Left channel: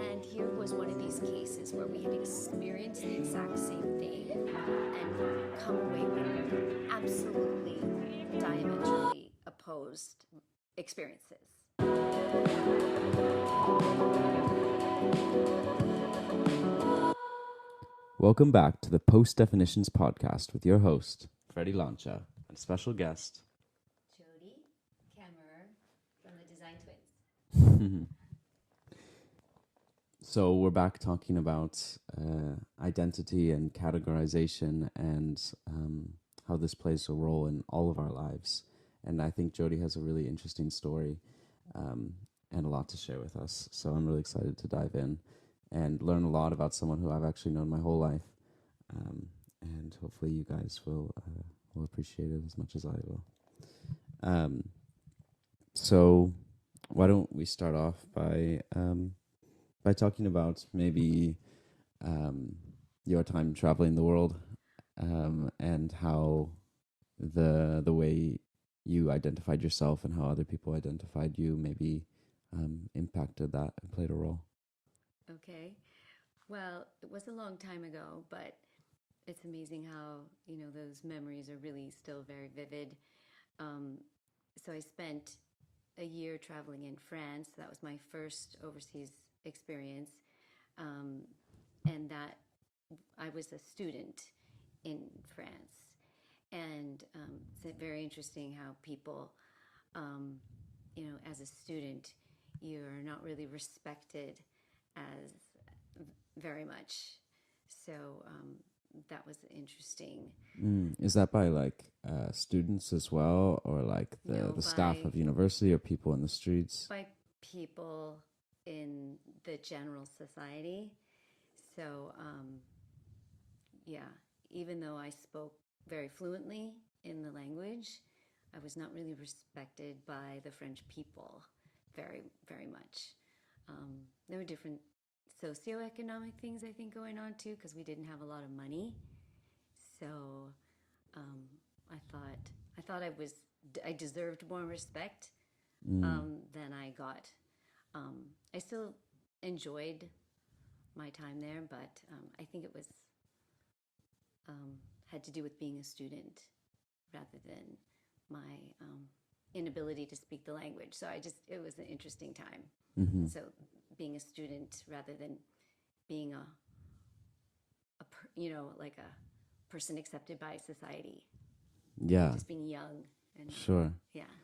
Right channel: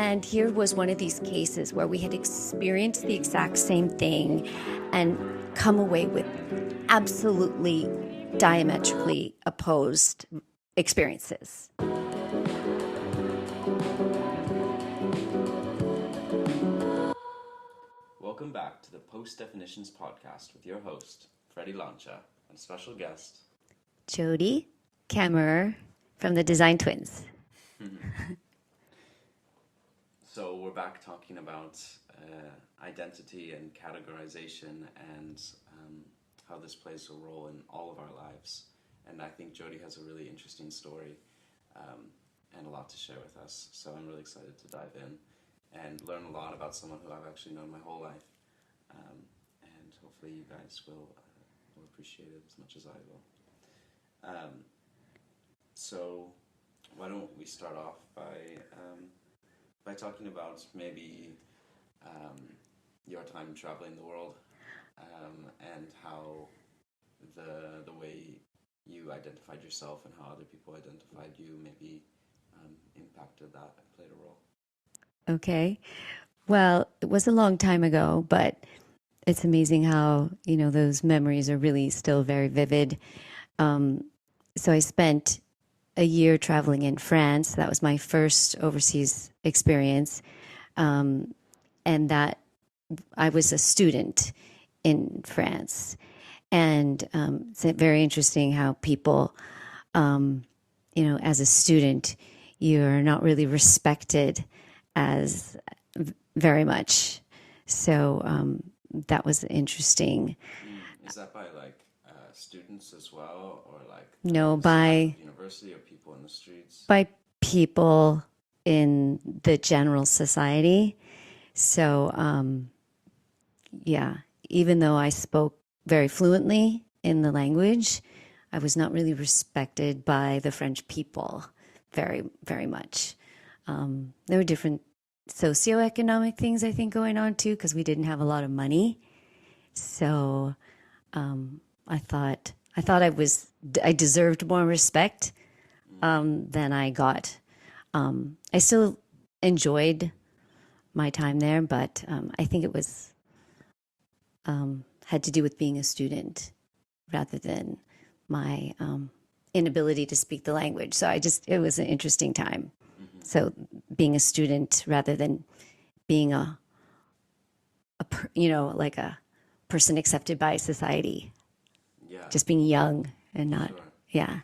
And here was one of these cases where we had experienced the exact same thing and come away with absolutely diametrically opposed experiences. Welcome back to the Post Definitions podcast with your host, Freddie Lancha, and special guest, Jodie Kammerer from the Design Twins. So we're back talking about identity and categorization and how this plays a role in all of our lives. And I think Jodie has a really interesting story and a lot to share with us. So I'm really excited to dive in and learn a lot about someone who I've actually known my whole life. And hopefully you guys will appreciate it as much as I will. So why don't we start off by talking about maybe your time traveling the world and how the way you identified yourself and how other people identified you maybe impacted that and played a role. Okay. Well, it was a long time ago, but it's amazing how, those memories are really still very vivid. So I spent a year traveling in France. That was my first overseas experience. And that I was a student in France. And it's very interesting how people, as a student, you're not really respected as very much. So that was interesting. Is that by students as well, or like No, the staff by of university or people in the streets? by people in the general society. So yeah, even though I spoke very fluently in the language, I was not really respected by the French people very, very much. There were different socioeconomic things, I think, going on too, because we didn't have a lot of money. So I thought I deserved more respect than I got. I still enjoyed my time there, but I think it was had to do with being a student rather than my inability to speak the language. So it was an interesting time. Mm-hmm. So being a student rather than being like a person accepted by society. Yeah. Just being young and not. Sure. Yeah.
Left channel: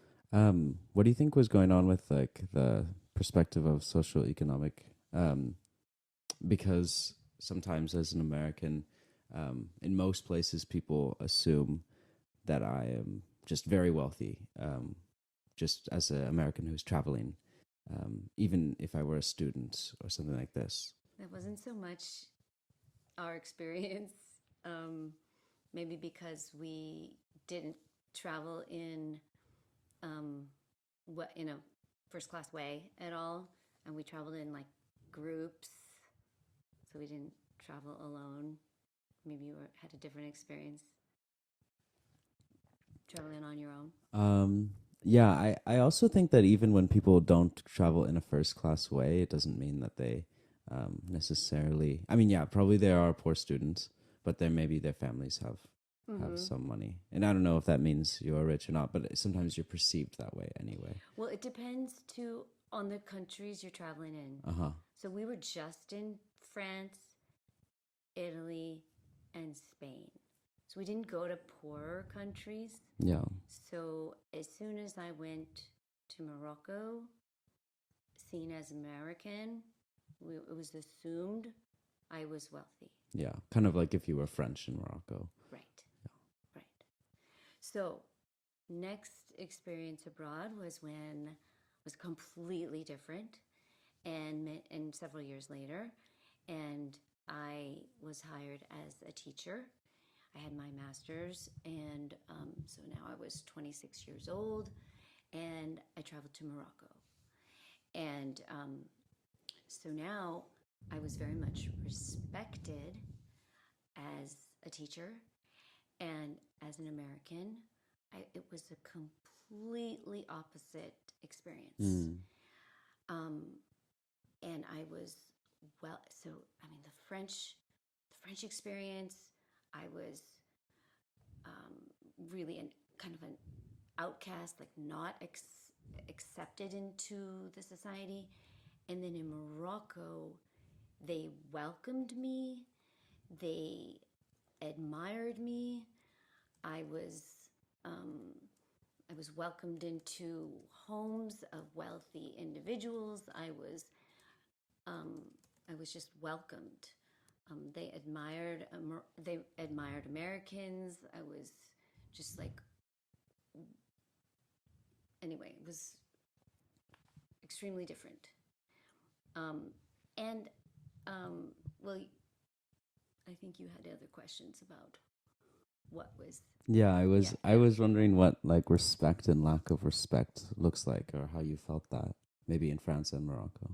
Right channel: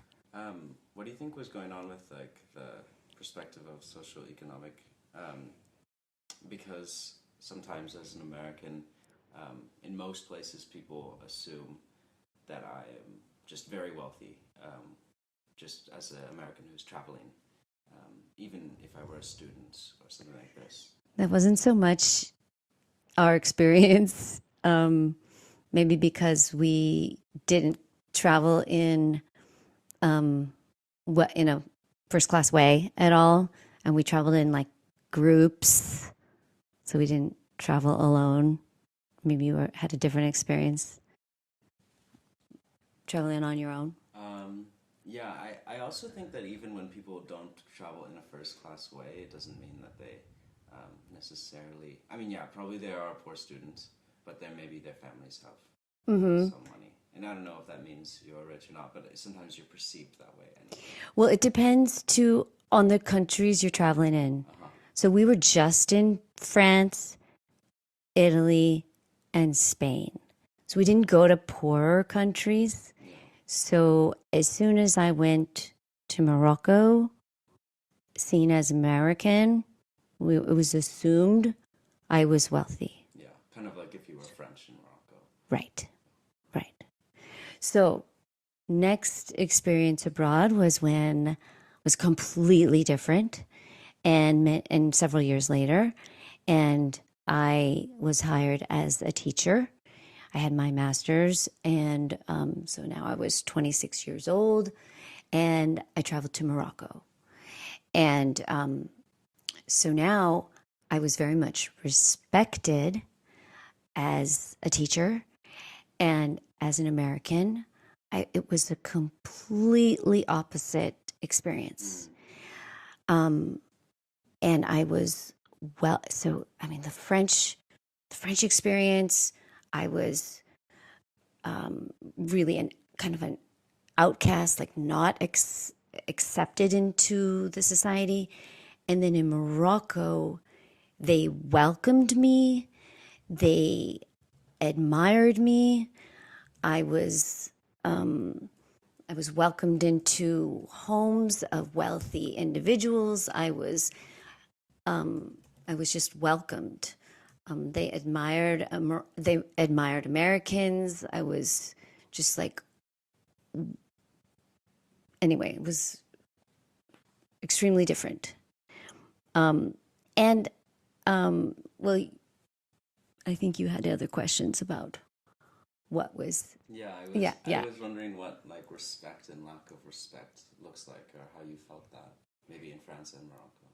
What do you think was going on with like the perspective of socioeconomic? Because sometimes as an American, in most places people assume that I am just very wealthy, just as an American who's traveling, even if I were a student or something like this. That wasn't so much our experience. Maybe because we didn't travel in a first class way at all, and we traveled in like groups, so we didn't travel alone. Maybe you had a different experience traveling on your own. Yeah, I also think that even when people don't travel in a first class way, it doesn't mean that they necessarily. I mean, yeah, probably there are poor students, but then maybe their families have some money. And I don't know if that means you're rich or not, but sometimes you're perceived that way anyway. Well, it depends too on the countries you're traveling in. So we were just in France, Italy, and Spain. So we didn't go to poorer countries. Yeah. So as soon as I went to Morocco, seen as American, it was assumed I was wealthy. Yeah, kind of like if you were French in Morocco. Right. So next experience abroad was completely different, and several years later, and I was hired as a teacher. I had my master's, and so now I was 26 years old, and I traveled to Morocco. And so now I was very much respected as a teacher and as an American. It was a completely opposite experience. And I was well, so I mean, the French experience, I was really an kind of an outcast, like not accepted into the society. And then in Morocco, they welcomed me, they admired me. I was I was welcomed into homes of wealthy individuals. I was just welcomed. They admired Americans. I was just like, anyway, it was extremely different. Um, and well, I think you had other questions about what was. Yeah, Yeah, I yeah. was wondering what like respect and lack of respect looks like, or how you felt that maybe in France and Morocco.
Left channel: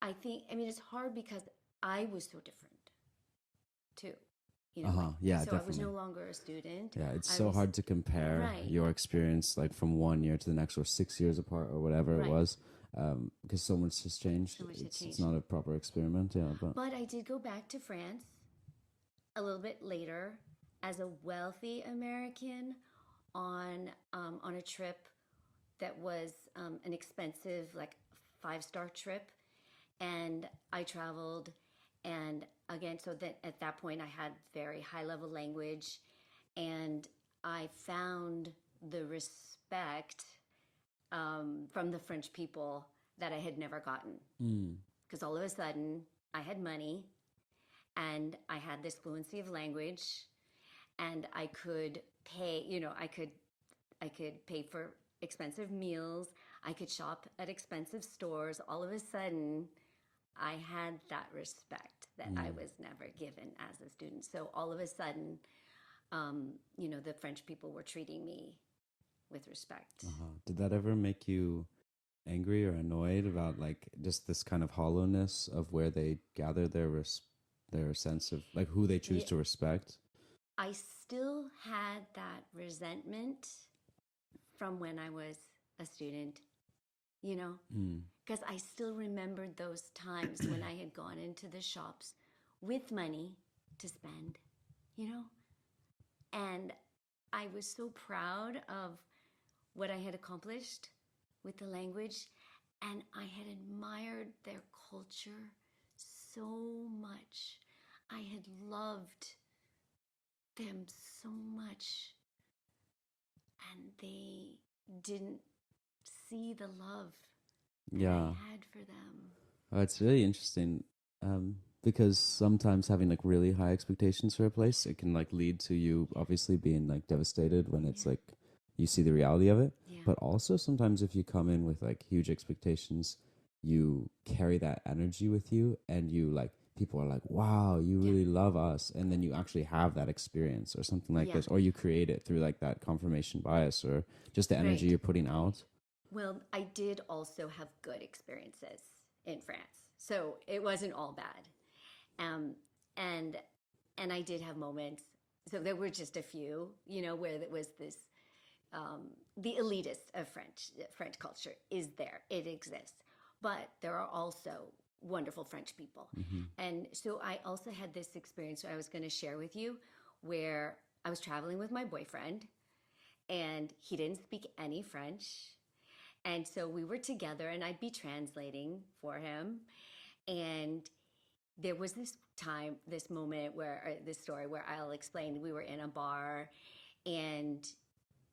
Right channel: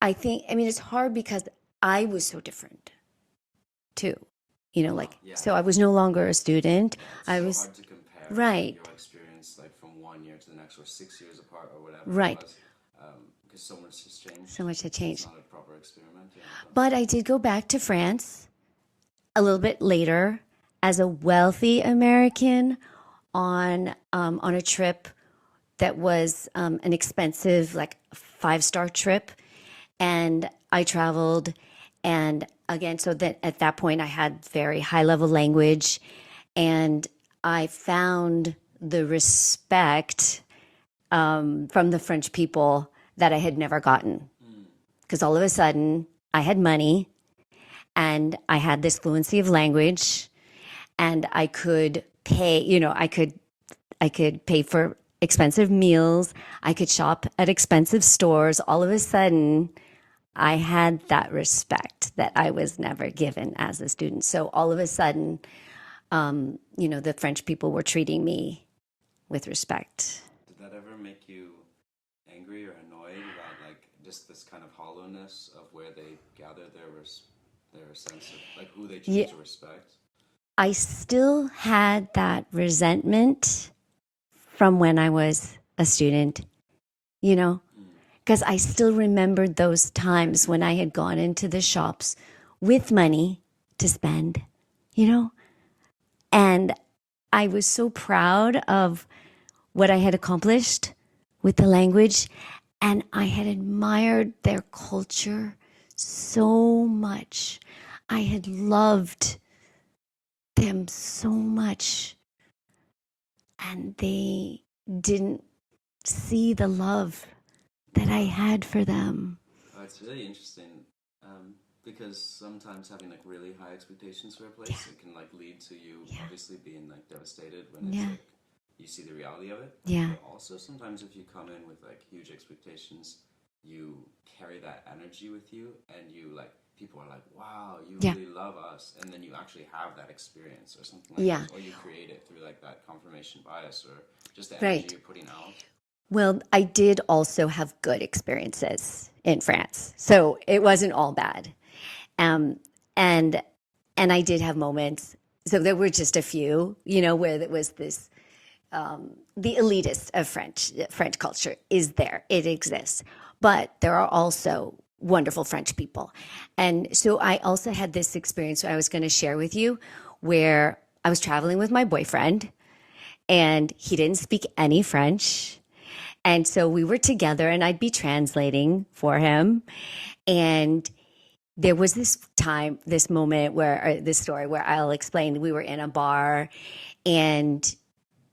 I mean, it's hard because I was so different too. Like, Yeah, so I was no definitely. longer a student. Yeah, it's I so was, hard to compare right, your experience like from one year to the next, or 6 years apart, or whatever it right. was, because so much has changed. So much had It's changed. not a proper experiment. Yeah, but But I did go back to France a little bit later as a wealthy American on a trip that was an expensive, like 5-star trip, and I traveled, and again, so that at that point I had very high level language, and I found the respect from the French people that I had never gotten, mm, because all of a sudden I had money and I had this fluency of language, and I could pay, I could pay for expensive meals, I could shop at expensive stores. All of a sudden, I had that respect that I was never given as a student. So all of a sudden, the French people were treating me with respect. did that ever make you angry or annoyed about like just this kind of hollowness of where they gather their sense of like who they choose Yeah, to respect? I still had that resentment from when I was a student, you know, Mm. because I still remembered those times when I had gone into the shops with money to spend, you know, and I was so proud of what I had accomplished with the language, and I had admired their culture so much. I had loved them so much, and they didn't see the love that I Yeah. had for them. Oh, it's really interesting, because sometimes having like really high expectations for a place, Yeah, it can like lead to you yeah, obviously being like devastated when it's yeah, like you see the reality of it. yeah, But also sometimes if you come in with like huge expectations, you carry that energy with you, and you like people are like, "Wow, you yeah, really love us," and then you actually have that experience or something like yeah. this, or you create it through like that confirmation bias or just the energy Right. you're putting out. Well, I did also have good experiences in France, so it wasn't all bad. Um, and and I did have moments. So there were just a few, where it was this the elitist of French culture is there. It exists. But there are also wonderful French people. Mm-hmm. And so I also had this experience I was going to share with you where I was traveling with my boyfriend and he didn't speak any French. And so we were together and I'd be translating for him. And there was this moment this story where I'll explain. We were in a bar and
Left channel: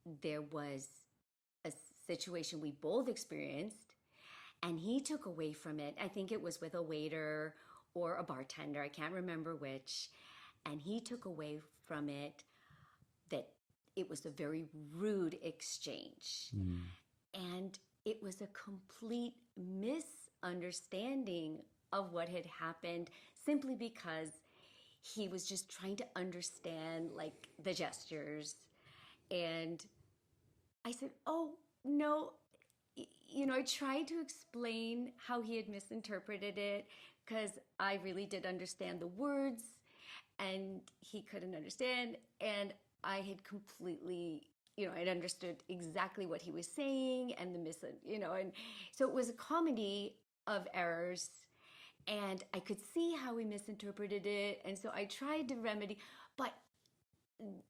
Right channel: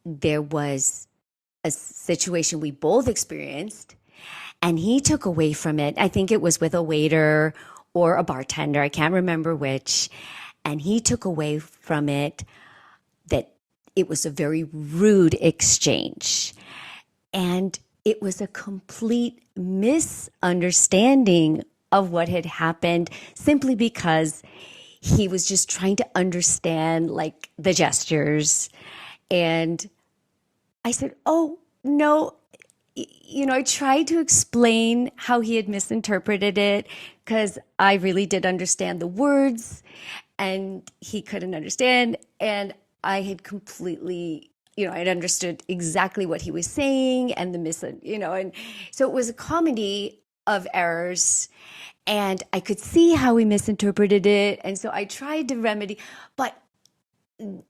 there was a situation we both experienced, and he took away from it. I think it was with a waiter or a bartender, I can't remember which. And he took away from it that it was a very rude exchange. Mm. And it was a complete misunderstanding of what had happened simply because he was just trying to understand like the gestures. And I said, "Oh, no." I tried to explain how he had misinterpreted it because I really did understand the words and he couldn't understand. And I had completely, I had understood exactly what he was saying and and so it was a comedy of errors. And I could see how he misinterpreted it. And so I tried to remedy, but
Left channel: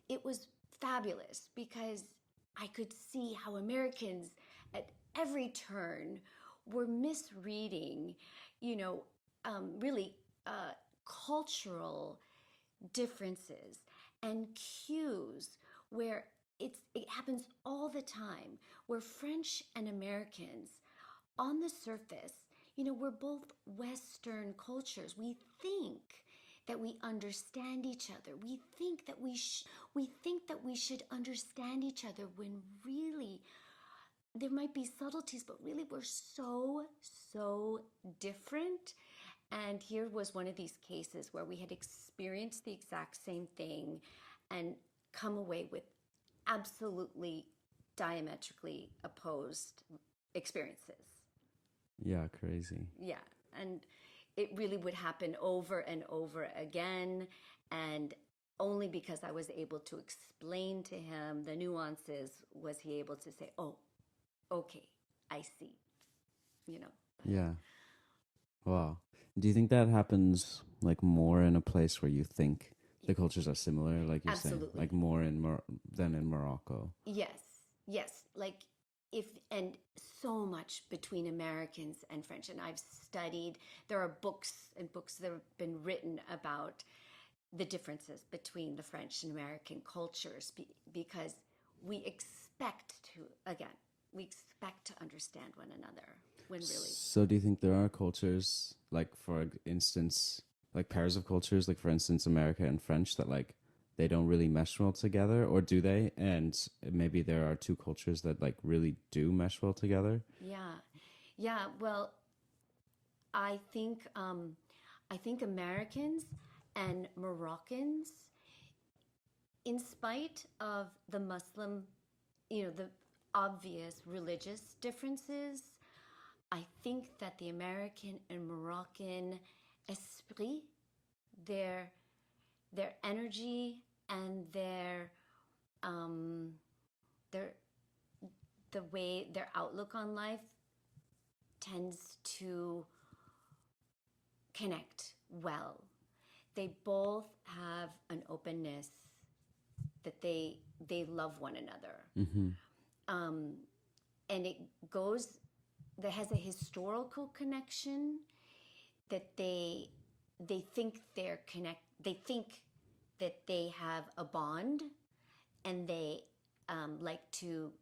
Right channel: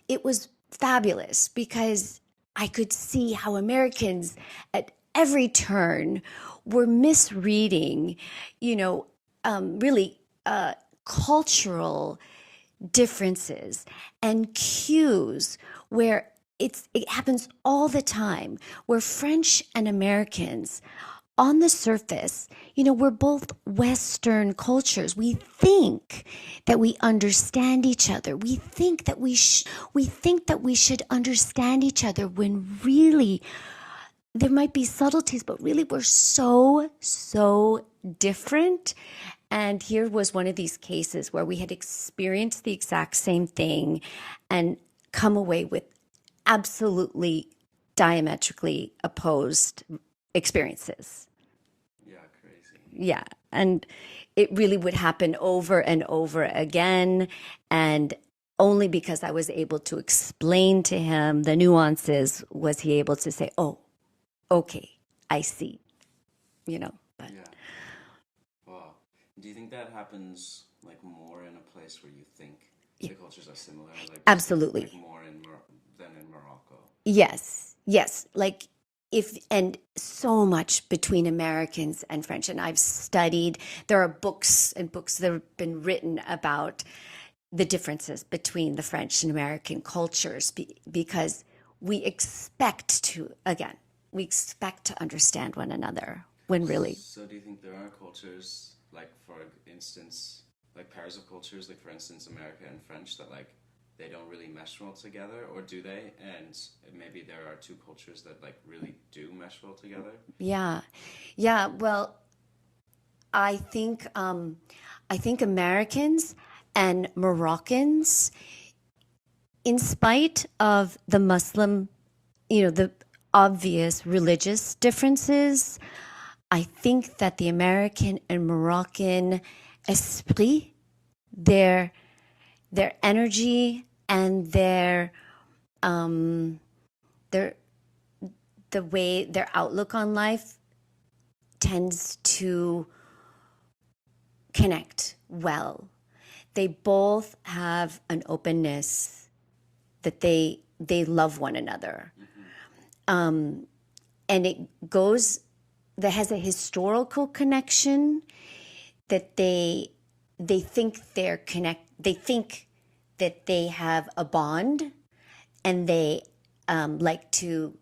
it was fabulous because I could see how Americans at every turn were misreading, you know, really cultural differences and cues where it happens all the time where French and Americans on the surface, we're both Western cultures. We think that we understand each other. We think that we should understand each other when really there might be subtleties, but really we're so different. And here was one of these cases where we had experienced the exact same thing and come away with absolutely diametrically opposed experiences. Yeah, crazy. Yeah. And it really would happen over and over again. And only because I was able to explain to him the nuances was he able to say, oh, okay, I see, but Yeah. Wow. Do you think that happens like more in a place where you think yeah, the cultures are similar, like you said, like absolutely. more than in Morocco? Yes. Yes. Like, and so much between Americans and French. And I've studied, there are books and books that have been written about the differences between the French and American cultures because again, we expect to understand one another when really, So do you think there are cultures, like for instance, like pairs of cultures, like for instance, America and French, that like they don't really mesh well together, or do they? And maybe there are two cultures that like really do mesh well together. yeah. Yeah. Well, I think, I think Americans and Moroccans, in spite of the Muslim, the obvious religious differences, I think that the American and Moroccan esprit, their their energy and um, their the way their outlook on life tends to connect well. They both have an openness that they love one another, Mm-hmm. um, and it goes that has a historical connection that they think they think that they have a bond, and they like to,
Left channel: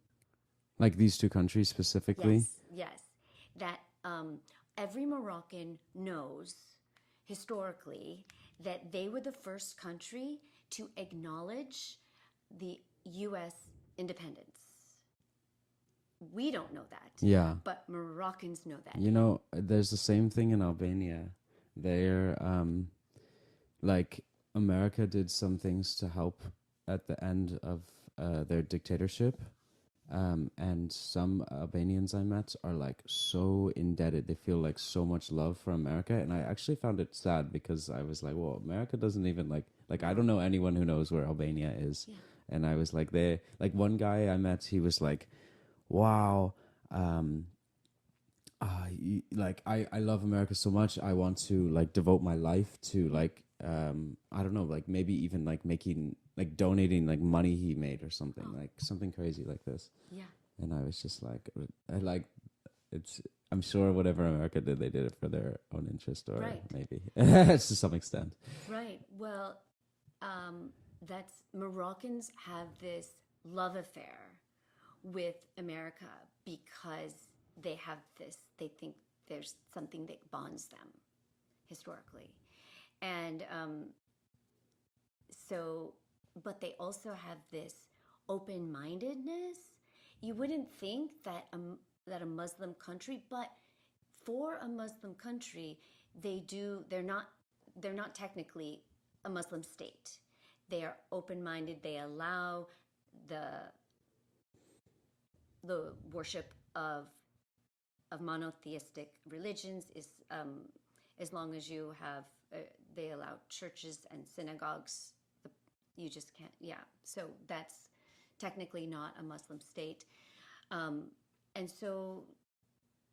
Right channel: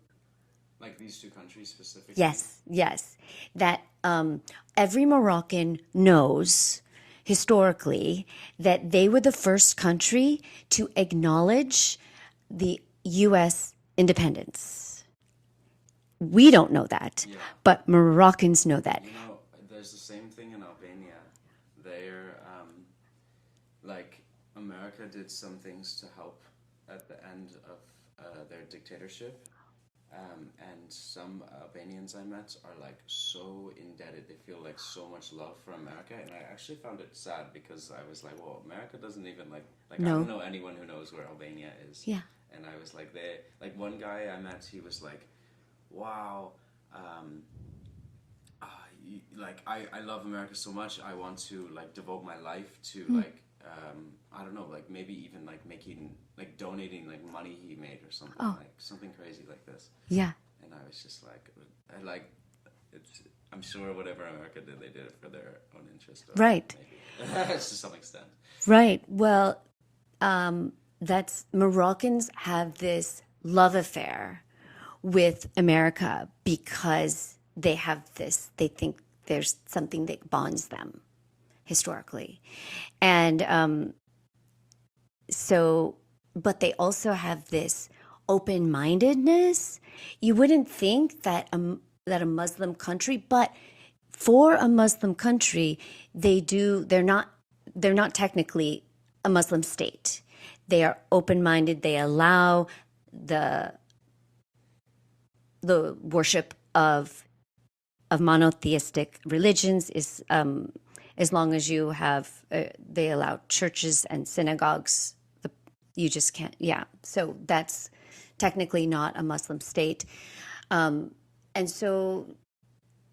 Like these two countries specifically. yes, that every Moroccan knows historically that they were the first country to acknowledge the U.S. independence. We don't know that, Yeah. but Moroccans know that. You know, there's the same thing in Albania. They're like America did some things to help at the end of their dictatorship. And some Albanians I met are like so indebted. They feel like so much love for America, and I actually found it sad because I was like, "Well, America doesn't even like I don't No. know anyone who knows where Albania is." Yeah. And I was like, "They like one guy I met. He was like, wow, um, like I love America so much. I want to like devote my life to Mm. like I don't know, like maybe even like making like donating like money he made or something Oh, like something crazy like this." yeah. And I was just like, I like it's. I'm sure whatever America did, they did it for their own interest, or Right. maybe to some extent. Right. Well, that's Moroccans have this love affair with America because they think there's something that bonds them historically. And so, but they also have this open mindedness. You wouldn't think that a Muslim country, but for a Muslim country, they're not technically a Muslim state. They are open minded. They allow the worship of monotheistic religions is as long as you have they allow churches and synagogues. You just can't. Yeah, so that's technically not a Muslim state, and so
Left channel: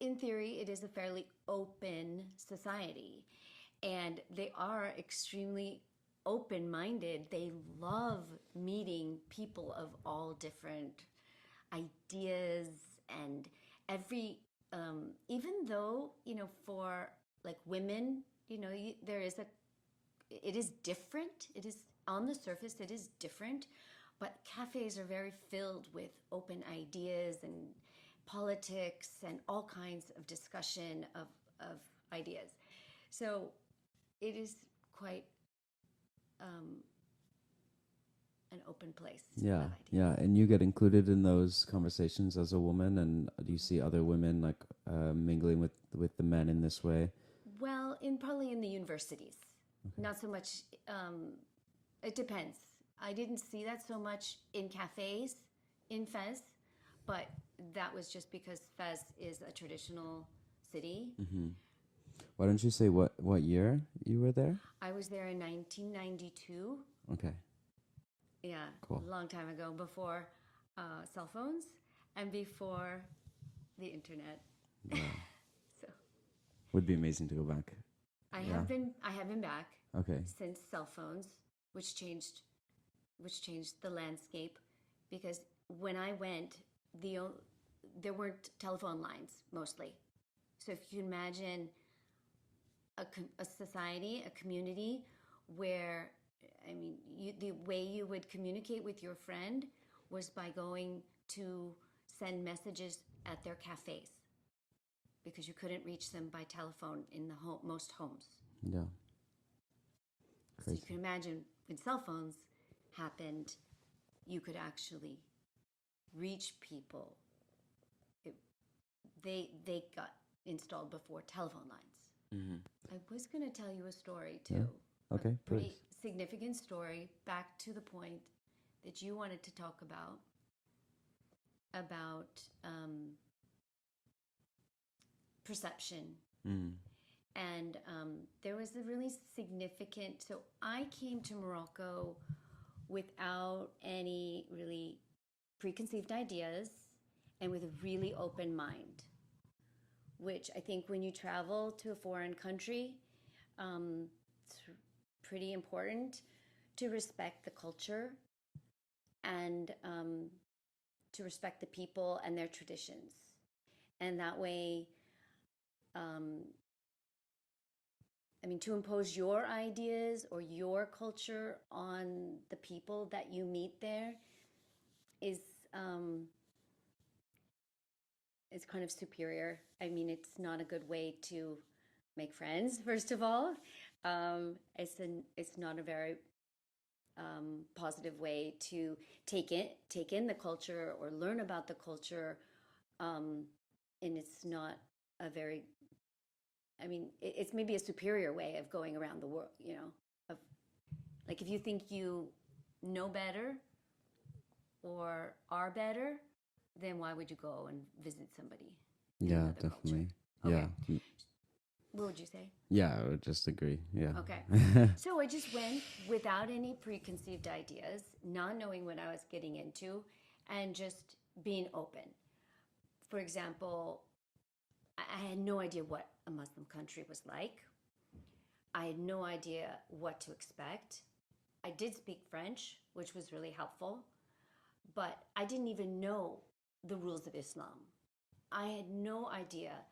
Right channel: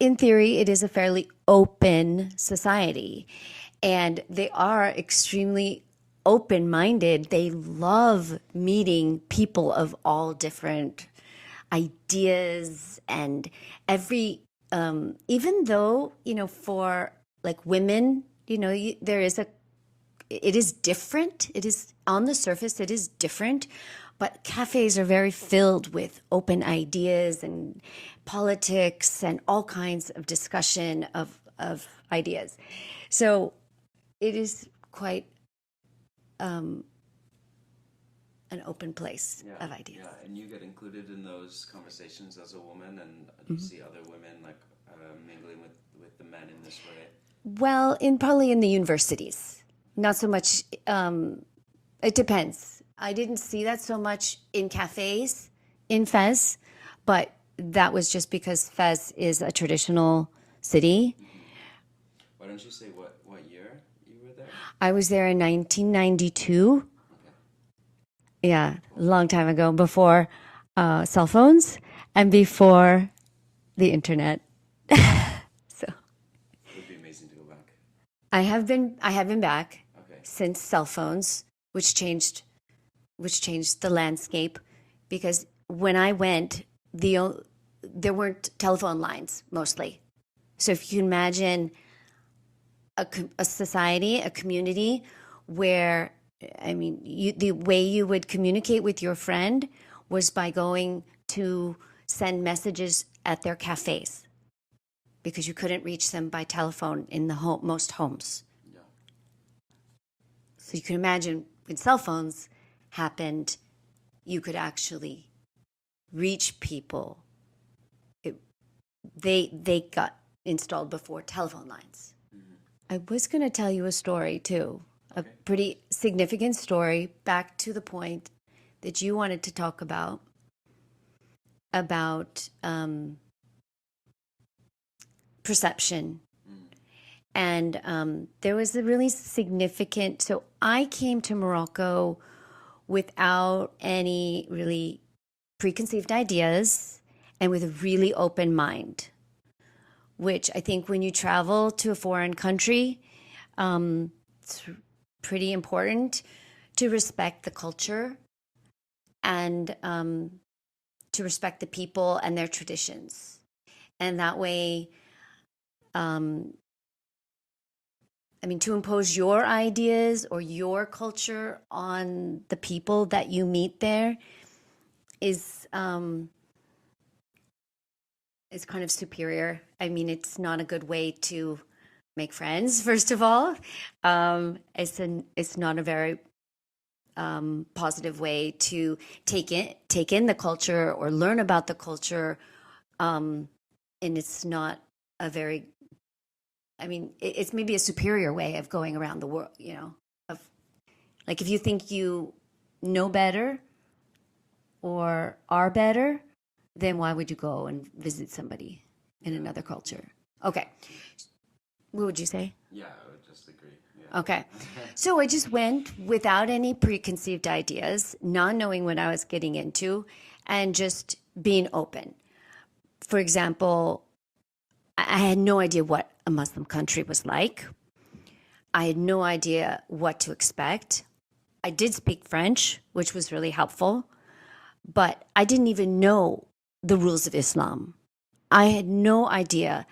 in theory, it is a fairly open society, and they are extremely open minded. They love meeting people of all different ideas and every, even though, for like women, there is it is different. It is on the surface, it is different, but cafes are very filled with open ideas and politics and all kinds of discussion of ideas. So it is quite an open place Yeah, of ideas. yeah, and you get included in those conversations as a woman, and do you see other women like mingling with the men in this way? Well, probably in the universities, not so much. It depends. I didn't see that so much in cafes in Fez, but that was just because Fez is a traditional city. Why don't you say what year you were there? I was there in 1992. Okay, Yeah, a cool. long time ago, before cell phones and before the internet. So Would be amazing to go back. I have been back Okay. since cell phones, which changed the landscape, because when I went, there weren't telephone lines mostly. So if you can imagine a society, a community where, I mean, the way you would communicate with your friend was by going to send messages at their cafes, because you couldn't reach them by telephone in the most homes. Yeah. So you can imagine when cell phones happened, you could actually reach people. They got installed before telephone lines. I was going to tell you a story too, Okay. a pretty significant story, back to the point that you wanted to talk about perception. And there was a really significant. So I came to Morocco without any really preconceived ideas and with a really open mind, which I think when you travel to a foreign country, it's pretty important to respect the culture and to respect the people and their traditions. And that way, to impose your ideas or your culture on the people that you meet there is kind of superior. I mean, it's not a good way to make friends. First of all, it's not a very positive way to take in the culture or learn about the culture, and it's not a very. I mean, it's maybe a superior way of going around the world. Of like, if you think you know better or are better, then why would you go and visit somebody in another culture? Okay. Yeah. What would you say? Yeah, I would just agree. Yeah. Okay. So I just went without any preconceived ideas, not knowing what I was getting into, and just being open. For example, I had no idea what a Muslim country was like. I had no idea what to expect. I did speak French, which was really helpful, but I didn't even know the rules of Islam. I had no idea,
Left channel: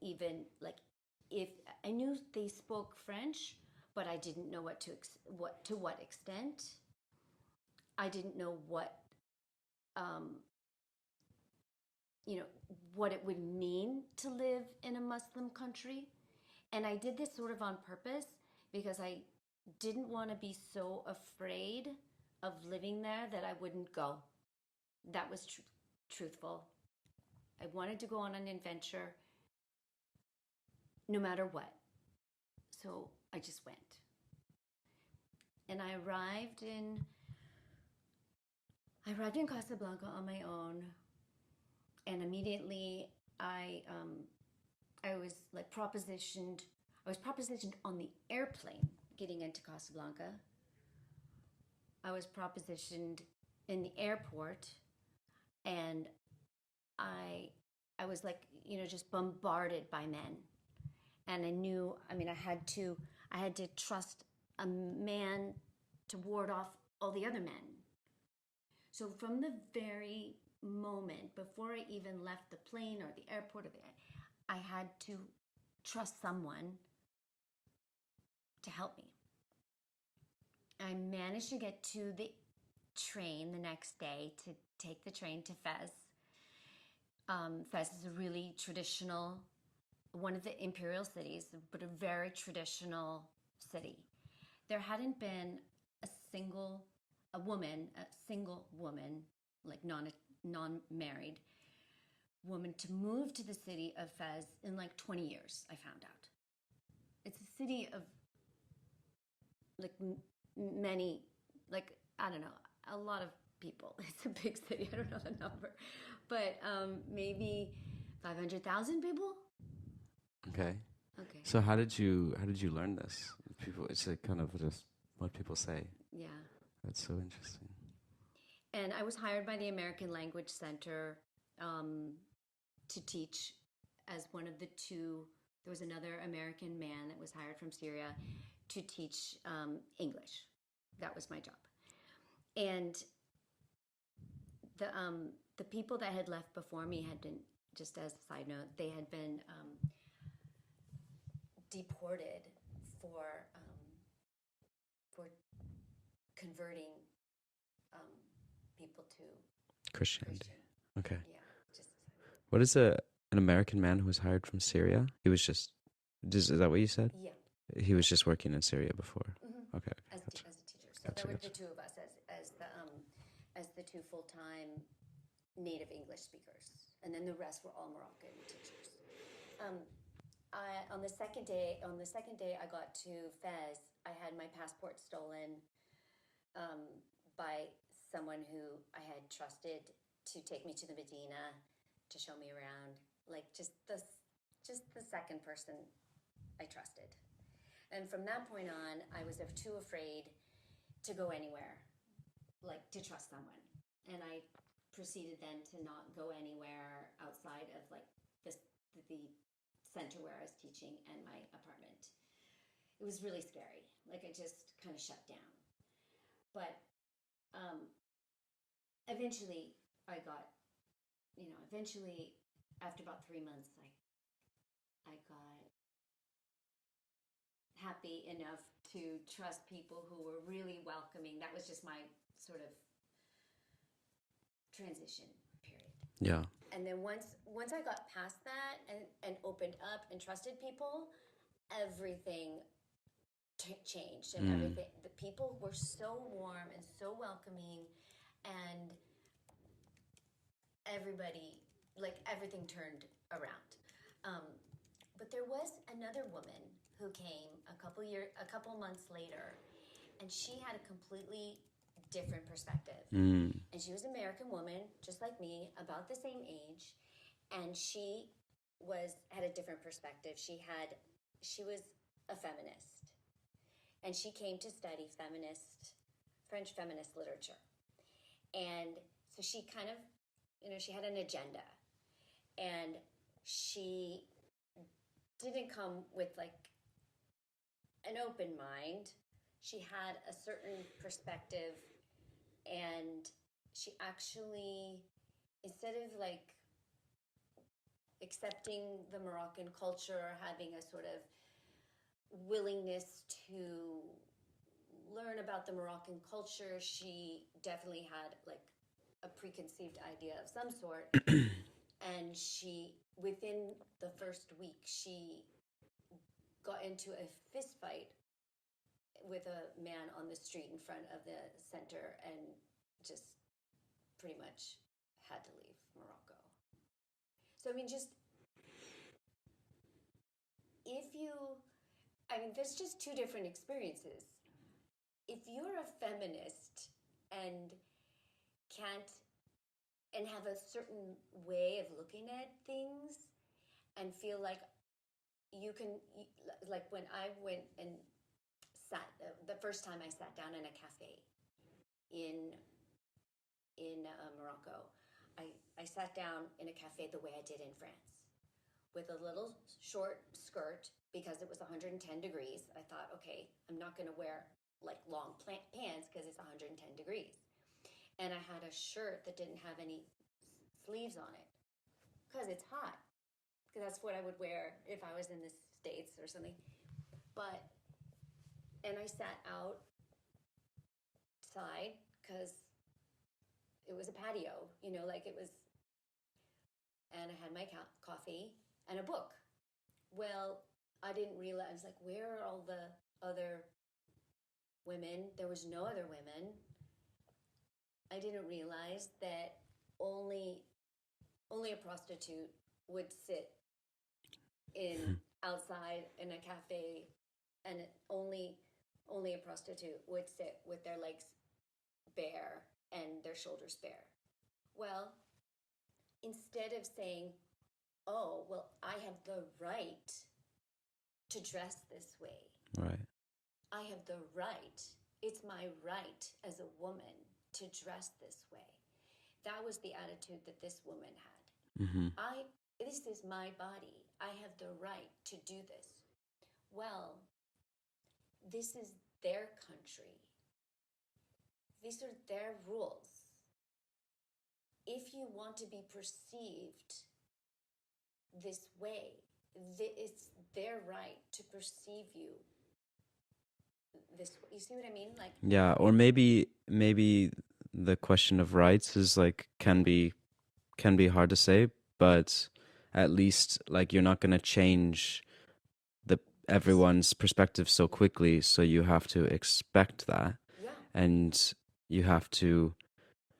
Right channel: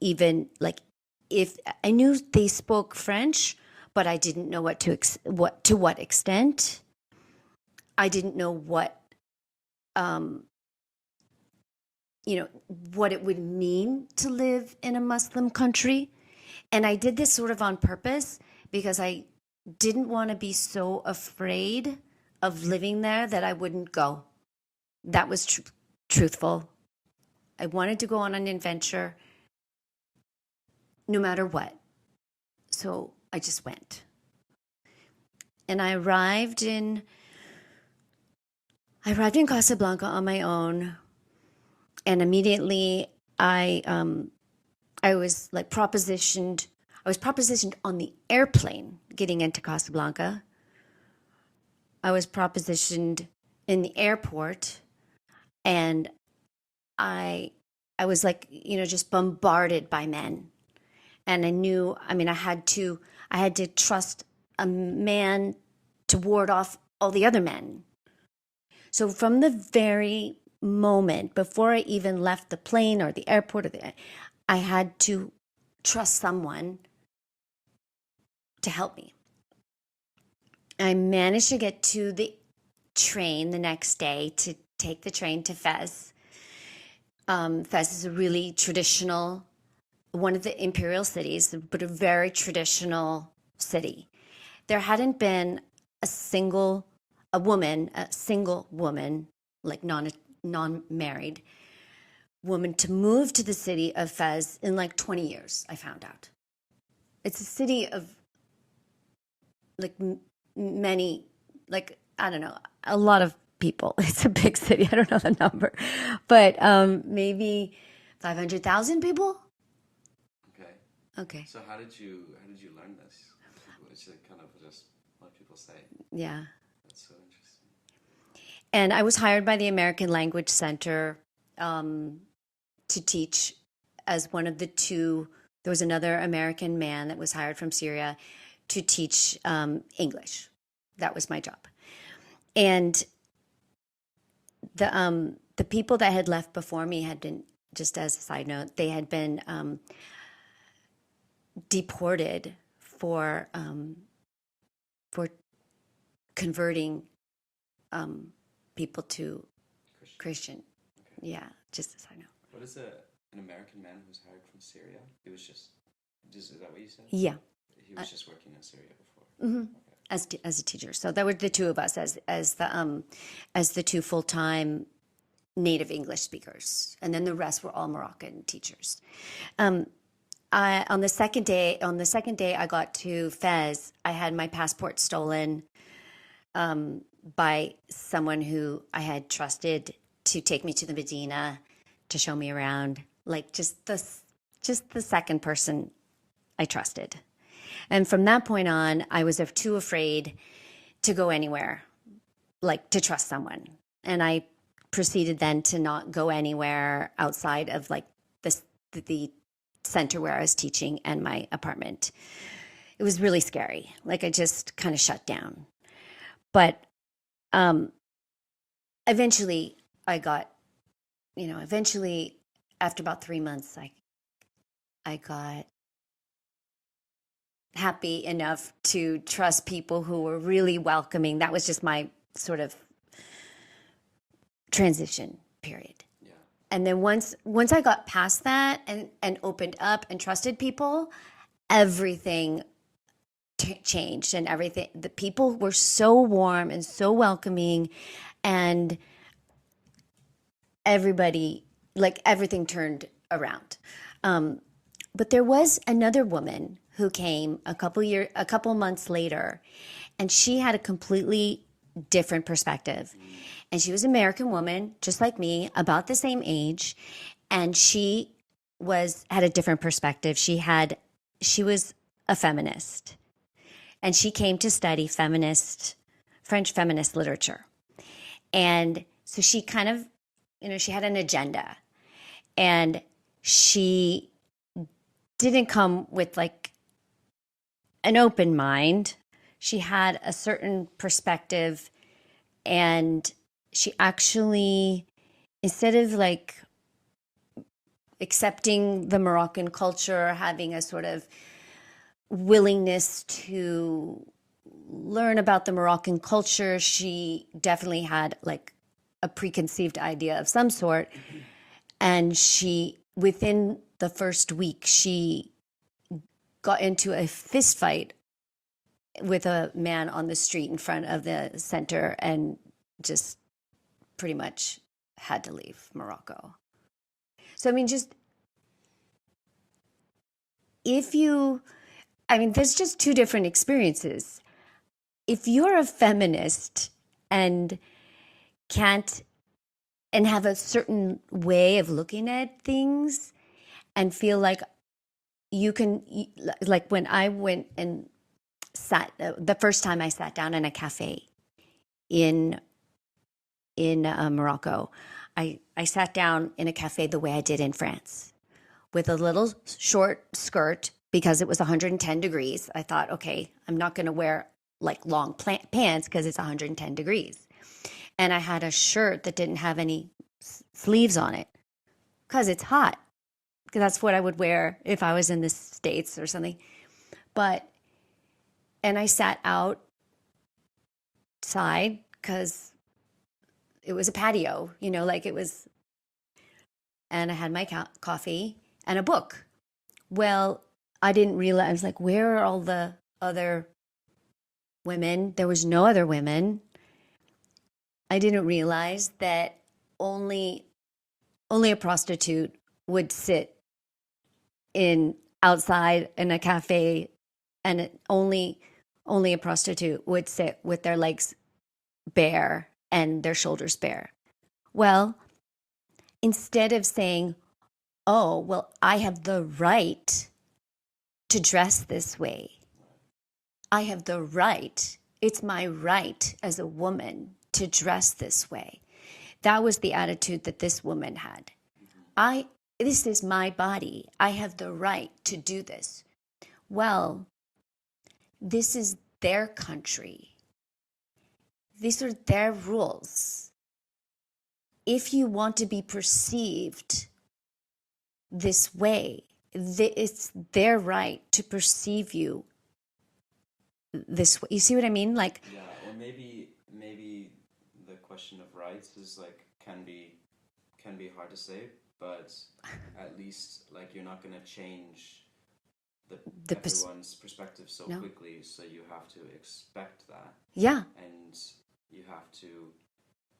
even like, if I knew they spoke French, but I didn't know to what extent. I didn't know um, what it would mean to live in a Muslim country. And I did this sort of on purpose because I didn't want to be so afraid of living there that I wouldn't go. That was truthful. I wanted to go on an adventure no matter what. So I just went. And I arrived in Casablanca on my own, and immediately I was like propositioned. I was propositioned on the airplane getting into Casablanca. I was propositioned in the airport, and I I was like, just bombarded by men. And I knew, I had to trust a man to ward off all the other men. So from the very moment before I even left the plane or the airport, I had to trust someone to help me. I managed to get to the train the next day to take the train to Fez. Fez is a really traditional, one of the imperial cities, but a very traditional city. There hadn't been a single woman, like non-married woman, to move to the city of Fez in like 20 years, I found out. It's a city of like many, like, I don't know, a lot of people. It's a big city. I don't know the number, but maybe 500,000 people. Okay. Okay. So how did you learn this? People, it's kind of just what people say. Yeah. That's so interesting. And I was hired by the American Language Center to teach as one of the two. There was another American man that was hired from Syria to teach English. That was my job. And the people that had left before me had been, just as a side note, they had been deported for converting people to Christian. Okay. Yeah, just as I know. What is an American man who was hired from Syria? He was just is that what you said? Yeah. He was just working in Syria before. Mm-hmm. Okay. As a teacher. So there were the two of us as the two full-time native English speakers, and then the rest were all Moroccan teachers. On the second day I got to Fez, I had my passport stolen by someone who I had trusted to take me to the Medina, to show me around, like just the second person I trusted. And from that point on, I was too afraid to go anywhere, like to trust someone. And I proceeded then to not go anywhere outside of like the center where I was teaching and my apartment. It was really scary. Like I just kind of shut down. But eventually I got, after about 3 months, I got happy enough to trust people who were really welcoming. That was just my sort of transition period. Yeah. And then once I got past that and opened up and trusted people, everything changed, and everything. The people were so warm and so welcoming, and everybody, like everything turned around. But there was another woman who came a couple months later, and she had a completely different perspective. And she was an American woman, just like me, about the same age, and she had a different perspective. She was a feminist, and she came to study French feminist literature. And so she kind of, she had an agenda, and she didn't come with like an open mind. She had a certain perspective, and she actually, instead of like accepting the Moroccan culture, having a sort of willingness to learn about the Moroccan culture, she definitely had like a preconceived idea of some sort. And within the first week, she got into a fist fight with a man on the street in front of the center, and just pretty much had to leave Morocco. So, just there's just two different experiences. If you're a feminist and can't, and have a certain way of looking at things and feel like you can, like when I went and the first time I sat down in a cafe in Morocco, I sat down in a cafe the way I did in France with a little short skirt because it was 110 degrees. I thought, okay, I'm not going to wear like long pants because it's 110 degrees. And I had a shirt that didn't have any sleeves on it because it's hot. Because that's what I would wear if I was in the States or something. But, and I sat outside because it was a patio, like it was, and I had my coffee and a book. Well, I didn't realize, I was like, where are all the other women? There was no other women. I didn't realize that only a prostitute would sit in outside in a cafe, and only a prostitute would sit with their legs bare and their shoulders bare. Well, instead of saying, oh, well, I have the right to dress this way. Right. I have the right. It's my right as a woman to dress this way. That was the attitude that this woman had. Mm-hmm. This is my body. I have the right to do this. Well, this is their country. These are their rules. If you want to be perceived this way, it's their right to perceive you this way. You see what I mean? Like, yeah, or maybe the question of rights is like can be hard to say, but at least like you're not going to change everyone's perspective so quickly, so you have to expect that. Yeah. And you have to,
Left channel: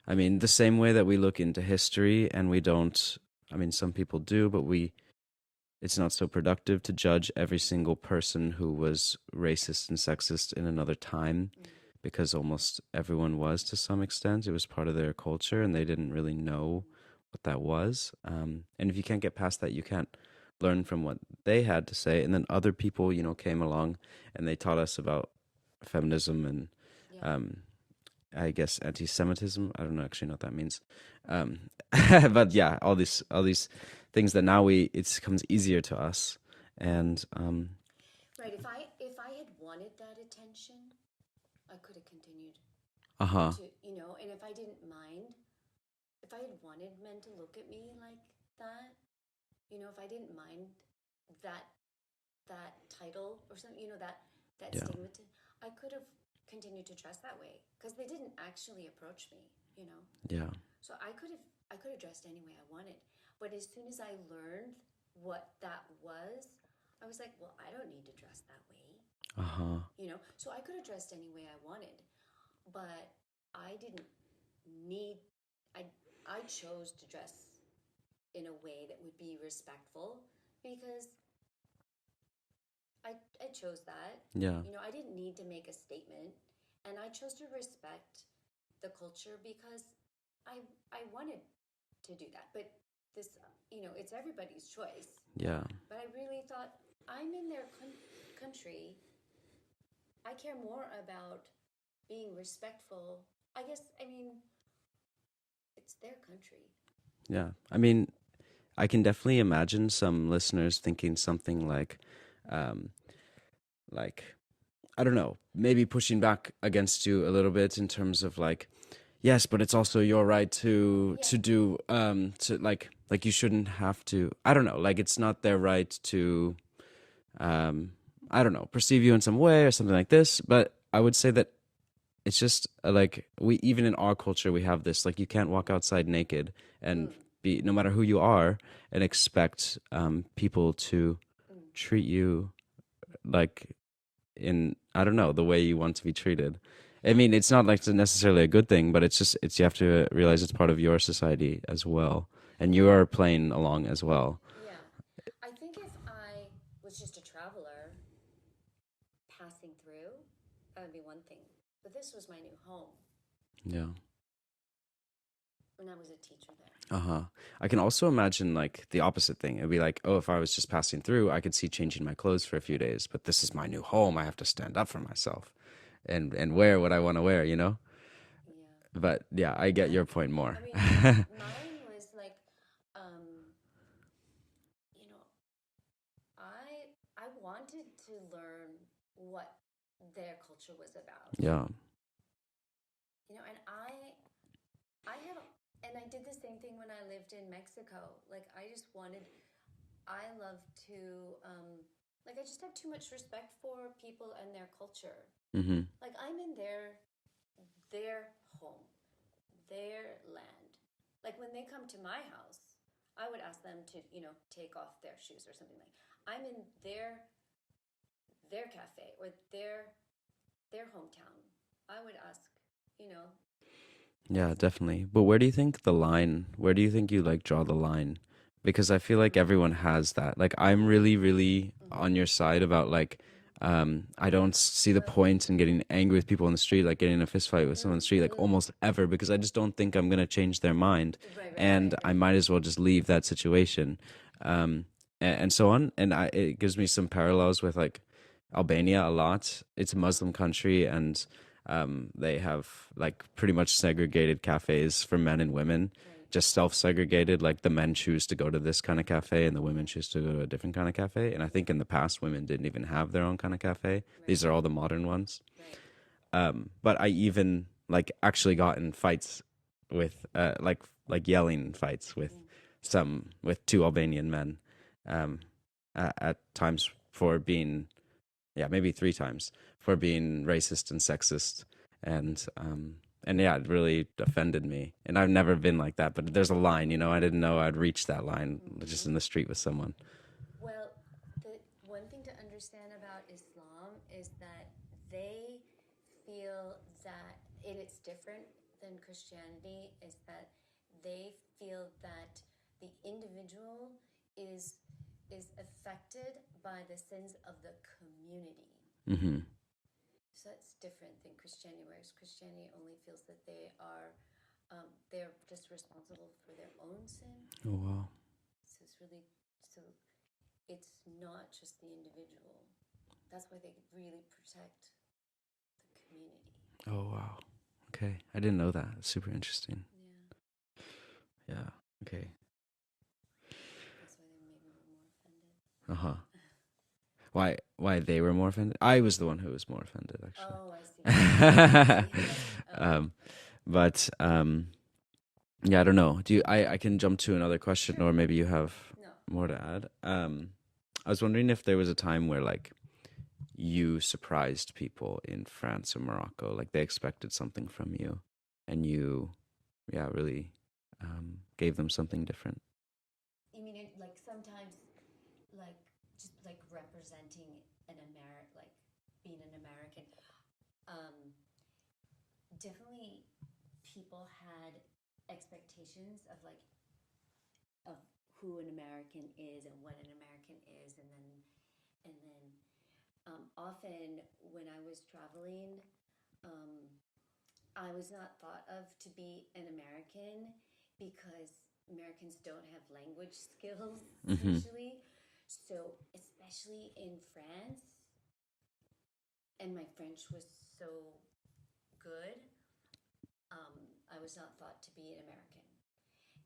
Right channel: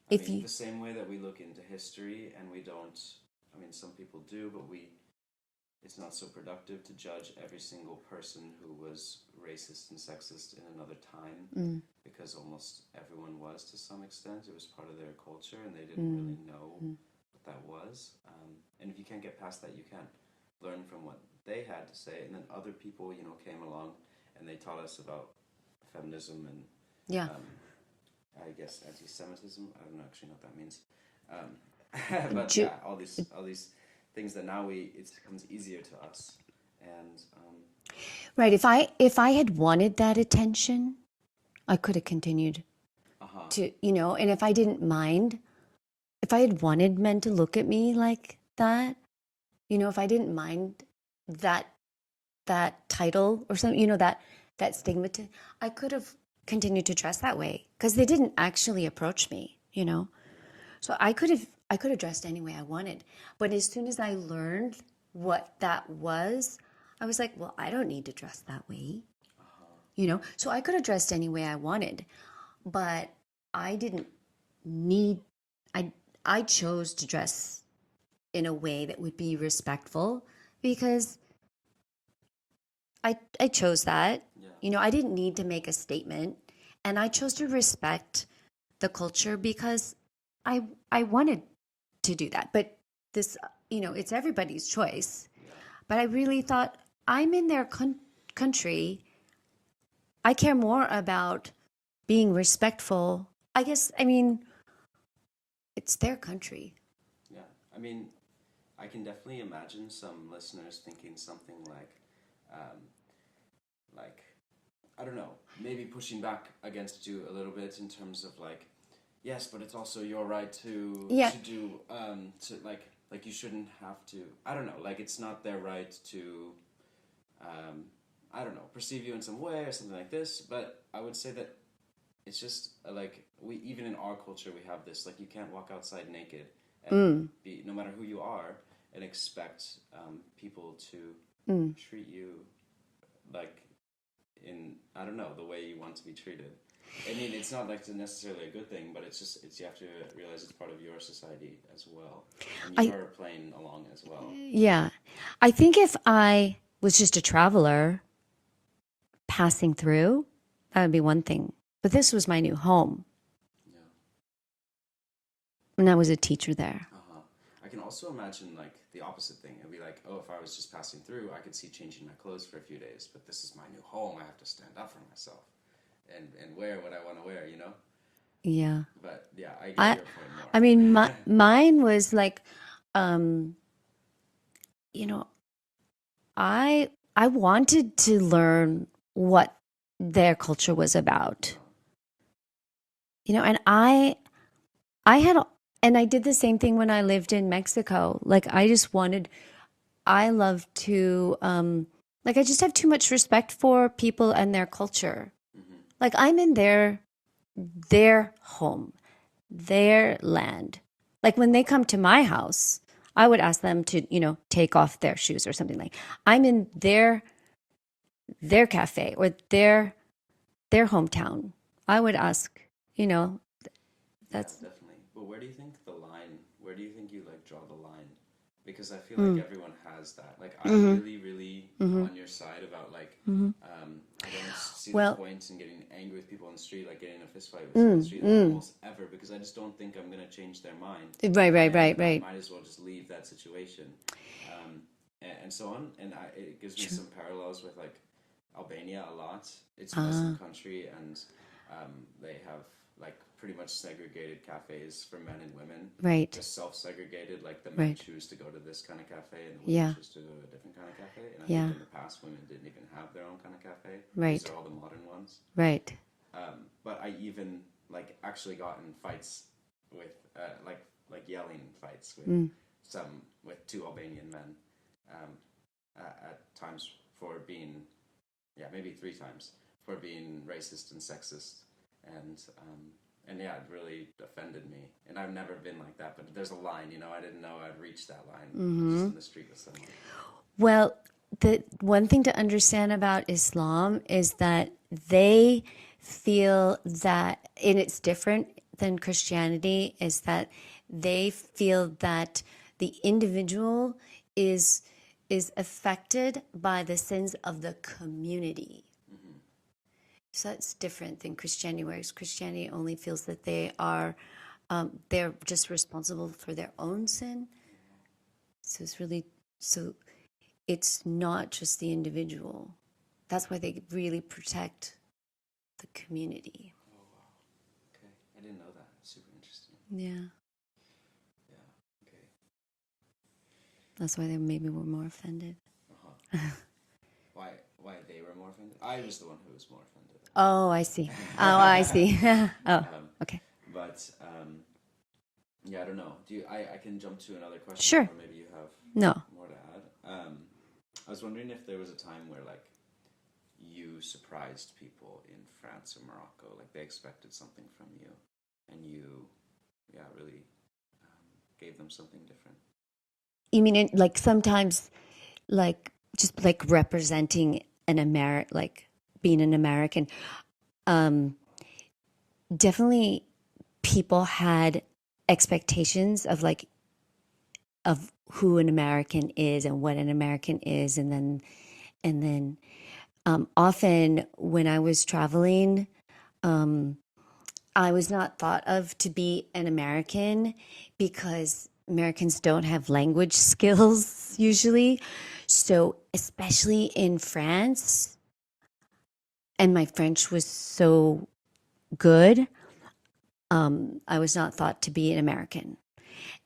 I mean, the same way that we look into history and we don't, I mean, some people do, but it's not so productive to judge every single person who was racist and sexist in another time, because almost everyone was to some extent. It was part of their culture and they didn't really know what that was. And if you can't get past that, you can't learn from what they had to say. And then other people, came along and they taught us about feminism and I guess anti-Semitism. I don't actually know what that means. But yeah, all these things that now it comes easier to us. And right. If I had wanted that attention, I could have continued to, and if I didn't mind, if I had wanted men to look at me like that, if I didn't mind that title or something, that stigma, I could have continued to dress that way because they didn't actually approach me, Yeah. So I could have dressed any way I wanted. But as soon as I learned what that was, I was like, well, I don't need to dress that way. So I could have dressed any way I wanted, but I didn't need, I chose to dress in a way that would be respectful because I chose that. Yeah. I didn't need to make a statement, and I chose to respect the culture because I wanted to do that. But this, it's everybody's choice. Yeah. But I really thought, I'm in their country. I care more about being respectful. I mean, it's their country. Yeah. I mean, I can definitely imagine some listeners thinking something like, I don't know, maybe pushing back against you a little bit in terms of like, yes, but it's also your right to do, to like you shouldn't have to, I don't know, like it's not their right to, I don't know, perceive you in some way or something like this. But I would say that it's just like even in our culture, we have this, like you can't walk outside naked and be, no matter who you are, and expect people to treat you like in, I don't know, the way you want to be treated. I mean, it's not like necessarily a good thing, but it's you have to realize it's part of your society as well. And you are playing along as well. Yeah. I think if I was just a traveler passing through, that would be one thing. But this was my new home. Yeah. And I was a teacher there. I can also imagine like the opposite thing. It'd be like, oh, if I was just passing through, I could see changing my clothes for a few days, but this is my new home. I have to stand up for myself and wear what I want to wear, Yeah. But yeah, I get I your point more. I mean, mine was like, um, you know, I wanted to learn what their culture was about. Yeah. And I had and I did the same thing when I lived in Mexico. Like I just wanted I love to like I just have too much respect for people and their culture. Mm-hmm. Like I'm in their home, their land. Like when they come to my house, I would ask them to, take off their shoes or something. Like I'm in their cafe or their hometown. I would ask, you know, Yeah, that's definitely. But where do you think you like draw the line? Because I feel like mm, everyone has that. Like I'm mm-hmm, really, really mm-hmm, on your side about like mm-hmm. I don't see the Well, point in getting angry with people on the street, like getting in a fist fight with someone on the mm, street, like mm. almost ever, because I just don't think I'm gonna change their mind. Right, right, And right, I right. might as well just leave that situation. And so on. And it gives me True. some parallels with like Albania a lot. It's a Muslim Uh, country, and they have like pretty much segregated cafes for men and women, right, just self-segregated. Like the men right. choose to go to this kind of cafe, and the women Yeah, choose to go to a different kind of cafe. And I think yeah, in the past, women didn't even have their own kind of cafe. These right, are all the modern ones. right. But I even like actually got in fights with like yelling fights with Mm, two Albanian men um, at times for being, yeah, maybe three times for being racist and sexist, and yeah, it really offended me. And I've never been like that, but there's a line, I didn't know I'd reach that line just mm-hmm. in the street with someone. Well, the one thing to understand about Islam is that they feel that, and it's different than Christianity, is that they feel that the individual is is affected by the sins of the community. Mm-hmm. So that's different than Christianity, whereas Christianity only feels that they're just responsible for their own sin. Oh wow. So it's really so it's not just the individual. That's why they really protect the community. Oh wow. Okay, I didn't know that. Super interesting. Yeah. Yeah. Okay. That's why they maybe were more offended. Uh-huh. Why they were more offended? I was the one who was more offended, actually. Oh, I see. Oh, I see. Oh, um, okay. but yeah, I don't know. I can jump to another question, Sure. or maybe you have No. more to add. I was wondering if there was a time where like you surprised people in France or Morocco, like they expected something from you, and you, yeah, really gave them something different. You mean like sometimes like just like representing like being an American. Um Definitely people had expectations of like of who an American is and what an American is, and then often when I was traveling, um, I was not thought of to be an American because Americans don't have language skills Mm-hmm. usually. So, especially in France, and my French was so good, I was not thought to be an American.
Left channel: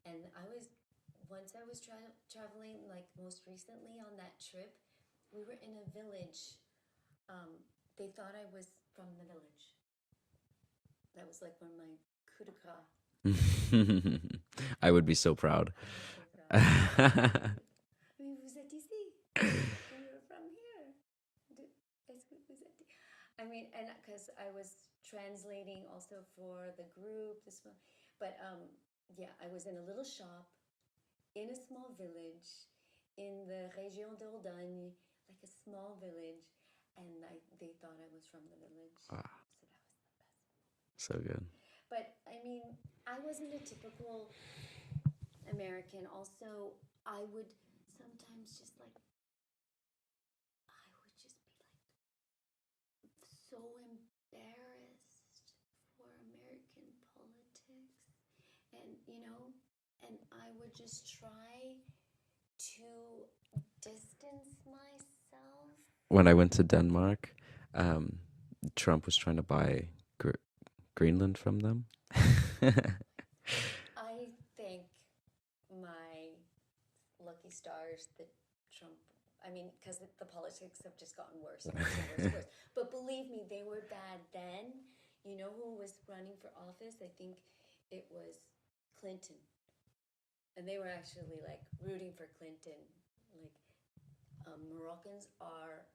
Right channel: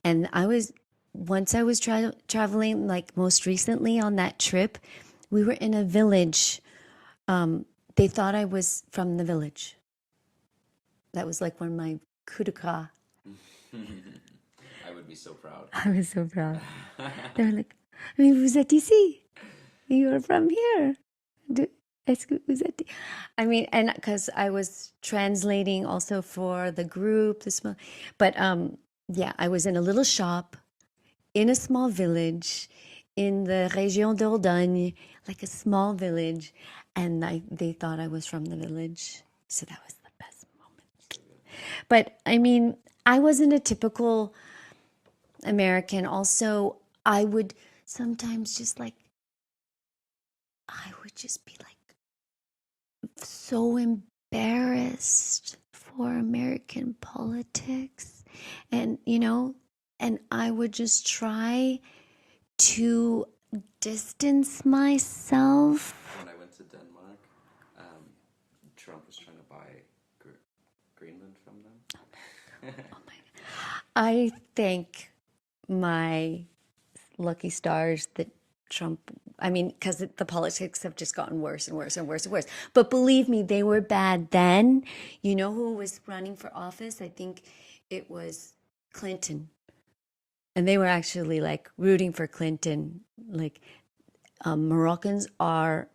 And once I was traveling, like most recently on that trip, we were in a village. They thought I was from the village. That was like one of my coup de grace. I would be so proud. I was so proud. They were like, mais vous êtes ici. You're from here. Est-ce que vous êtes? I mean, and because I was translating also for the group, but yeah, I was in a little shop in a small village in the Région d'Ordogne, like a small village, and they thought I was from the village. So that was the best moment. So good. But I mean, I wasn't a typical American. Also, I would sometimes just like, I would just be like so embarrassed for American politics. And, and I would just try to distance myself. When I went to Denmark, Trump was trying to buy Greenland from them? I thank my lucky stars that Trump, I mean, because the politics have just gotten worse and worse and worse and worse. But believe me, they were bad then. You know who was running for office? I think it was Clinton. And they were actually like rooting for Clinton. Like Moroccans are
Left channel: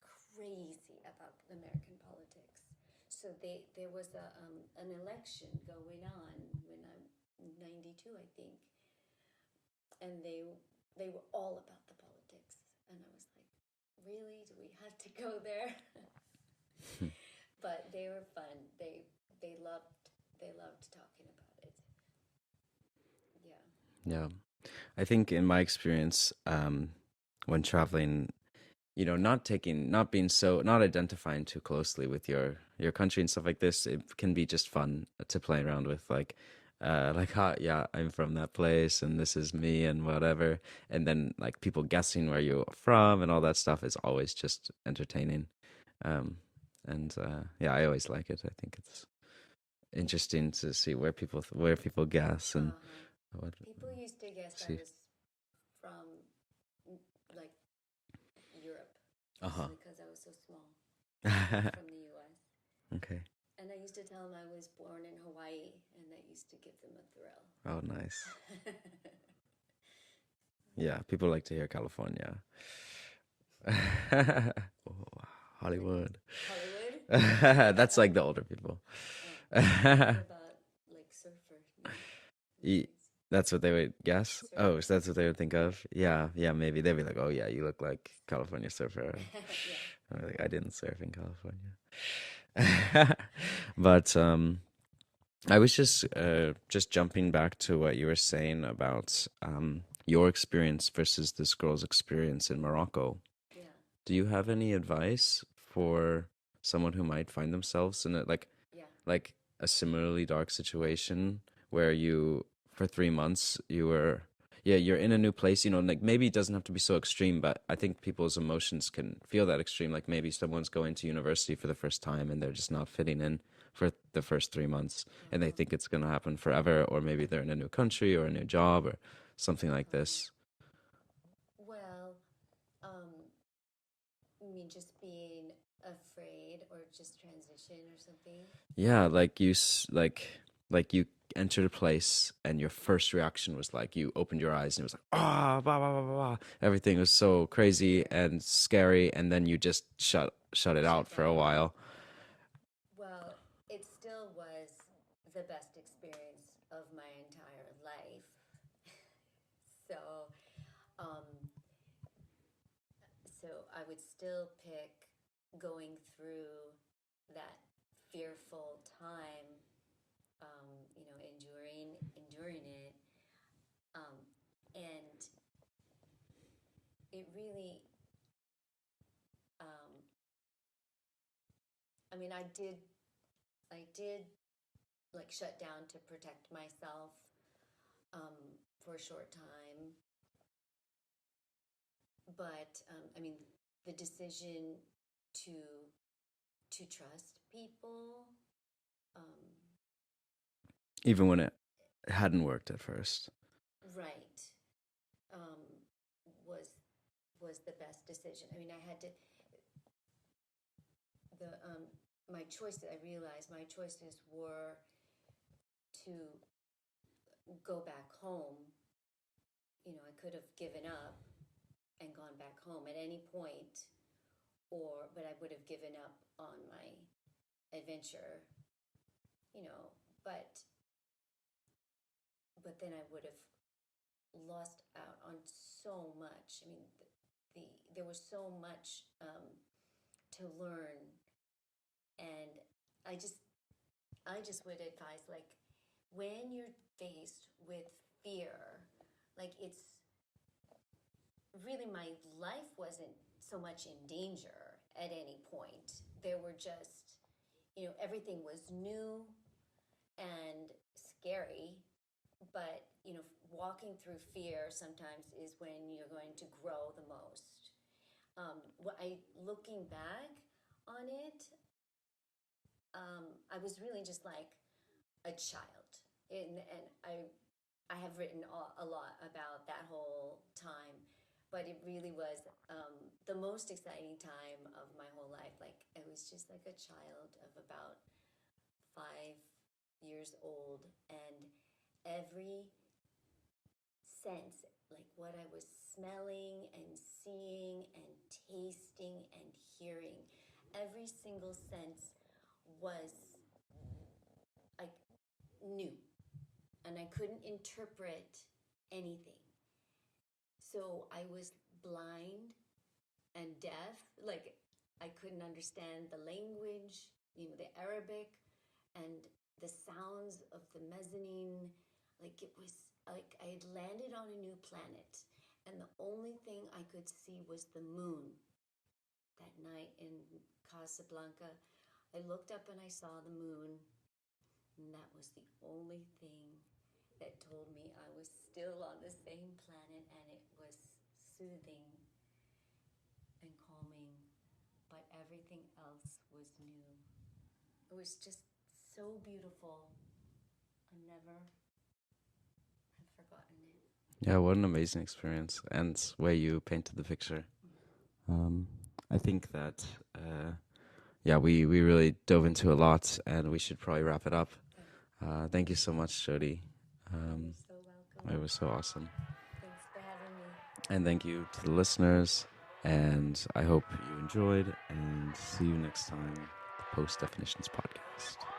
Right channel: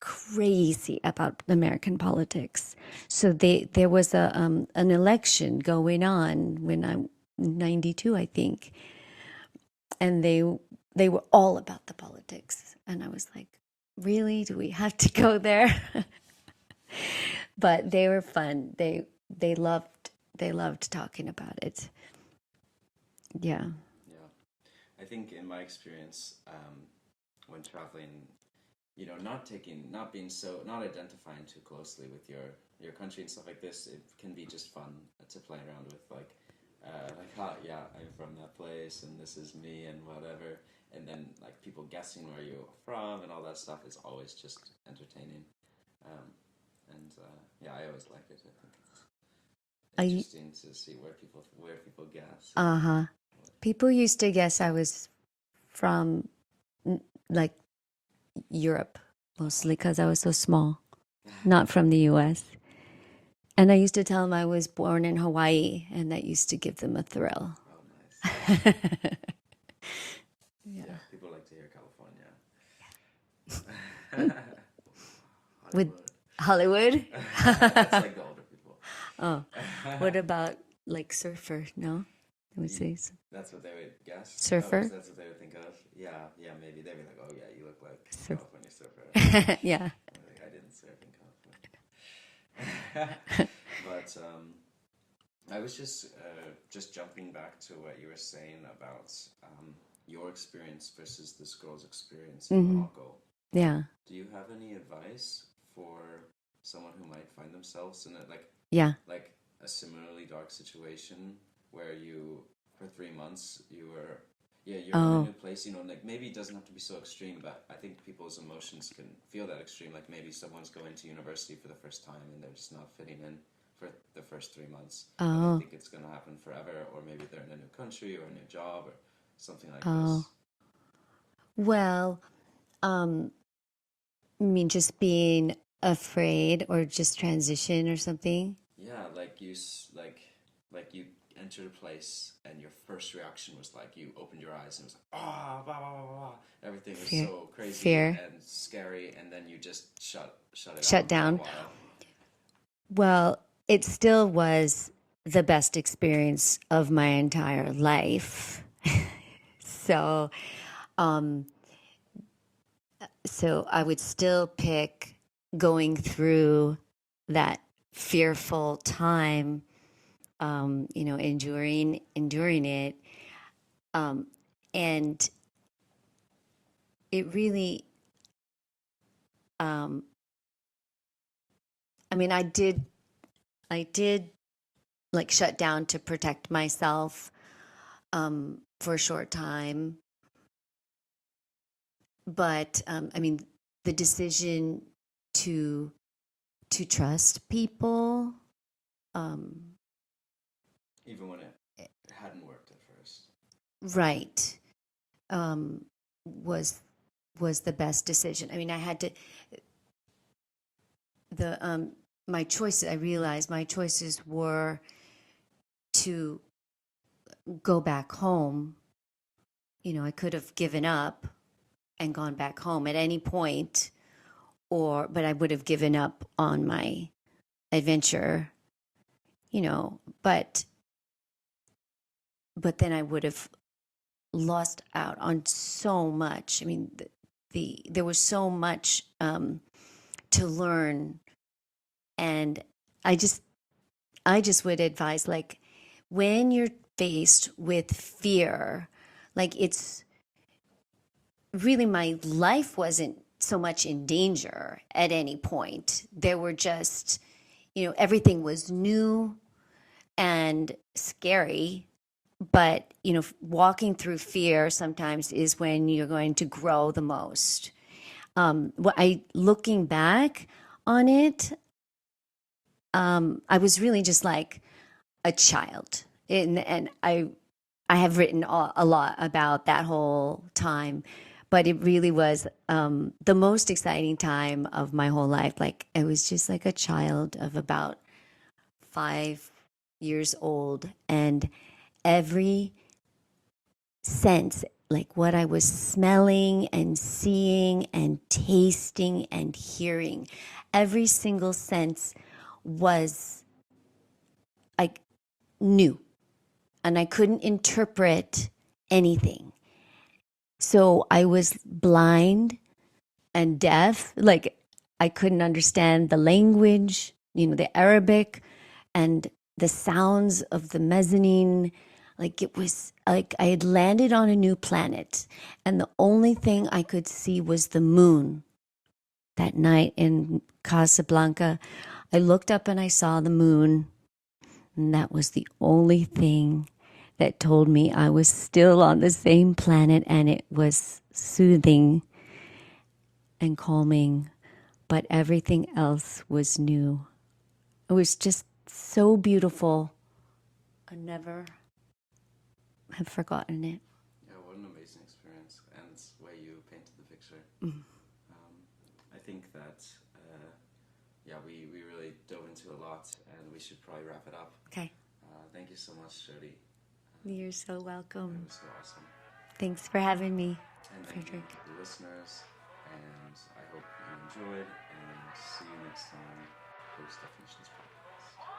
crazy about American politics. So there was an election going on when I'm 92, I think, and they were all about the politics, and I was like, really, do we have to go there? But they were fun. They loved talking about it. Yeah. Yeah. I think in my experience, when traveling, not identifying too closely with your country and stuff like this, it can be just fun to play around with, yeah, I'm from that place and this is me and whatever, and then like people guessing where you're from and all that stuff is always just entertaining, um, and yeah, I always like it. I think it's I interesting to see where people guess and uh-huh. what People used to guess I see. was from like Europe, Uh mostly because I was so small, not huh. from the US. Okay. And I used to tell them I was born in Hawaii, and that used to give them a thrill. Oh, nice. Yeah, Yeah. people like to hear California. Oh, With Hollywood. Hollywood? That's like the older people. Oh, what about like surfer? No? I would Ye- say That's what they would guess. Oh, surfer? so that's what they would think of. Yeah, yeah, maybe they'd be like, "Oh, yeah, you look like Surf. California surfer." Yeah. I'm like, I didn't surf in California. But I was just jumping back to what you were saying about your experience versus this girl's experience in Hmm. Morocco. Yeah. Do you have any advice for someone who might find themselves in Yeah. like a similarly dark situation where you for 3 months you're in a Oh, new place, like maybe it doesn't have to be so extreme, but I think people's emotions can feel that extreme. Like maybe someone's going to university for the first time and they're just not fitting in for the first 3 months and they oh, think it's going to happen forever, or maybe they're in a new country or a new job or something like oh. this. Well, I mean, just being afraid or just transition or something. Yeah, like like you entered a place and your first reaction was like you opened your eyes and it was like blah blah blah blah blah. Everything was Fear. so crazy Fear. and scary, and then you just shut it Shut off for a down. while. Well, it still was the best experience of my entire life. So, um, so I would still pick going through that fearful time, enduring it. Um, and it really, um, I mean, I did like shut down to protect myself, for a short time. But I mean, the decision to to trust people, um, Even when it hadn't worked at first. right, um, was was the best decision. I mean, I had to the my choices. I realized my choices were to go back home. I could have given up and gone back home at any point, but I would have given up on my adventure. But then I would have lost out on so much. I mean, there was so much to learn, and I just I just would advise, like, when you're faced with fear, like, it's really, my life wasn't so much in danger at any point. There were just, everything was new and scary. But, walking through fear sometimes is when you're going to grow the most. Looking back on it, I was really just like a child. And I have written a lot about that whole time, but it really was the most exciting time of my whole life. Like I was just like a child of about 5 years old, and every sense, like what I was smelling and seeing and tasting and hearing, every single sense was like new, and I couldn't interpret anything. So I was blind and deaf. Like I couldn't understand the language, the Arabic and the sounds of the mezzanine. Like it was like I had landed on a new planet, and the only thing I could see was the moon. That night in Casablanca, I looked up and I saw the moon, and that was the only thing that told me I was still on the same planet, and it was soothing and calming, but everything else was new. It was just so beautiful. I never have forgotten it. Yeah, what an amazing experience, and where you painted the picture. Um, I think that, yeah, we really dove into a lot, and we should probably wrap it up. Okay. Thank you so much, Jodie. You're so welcome. It was so awesome. Thanks for having me. And thank you to the listeners, and I hope you enjoyed, and see you next time, Post Definitions Podcast.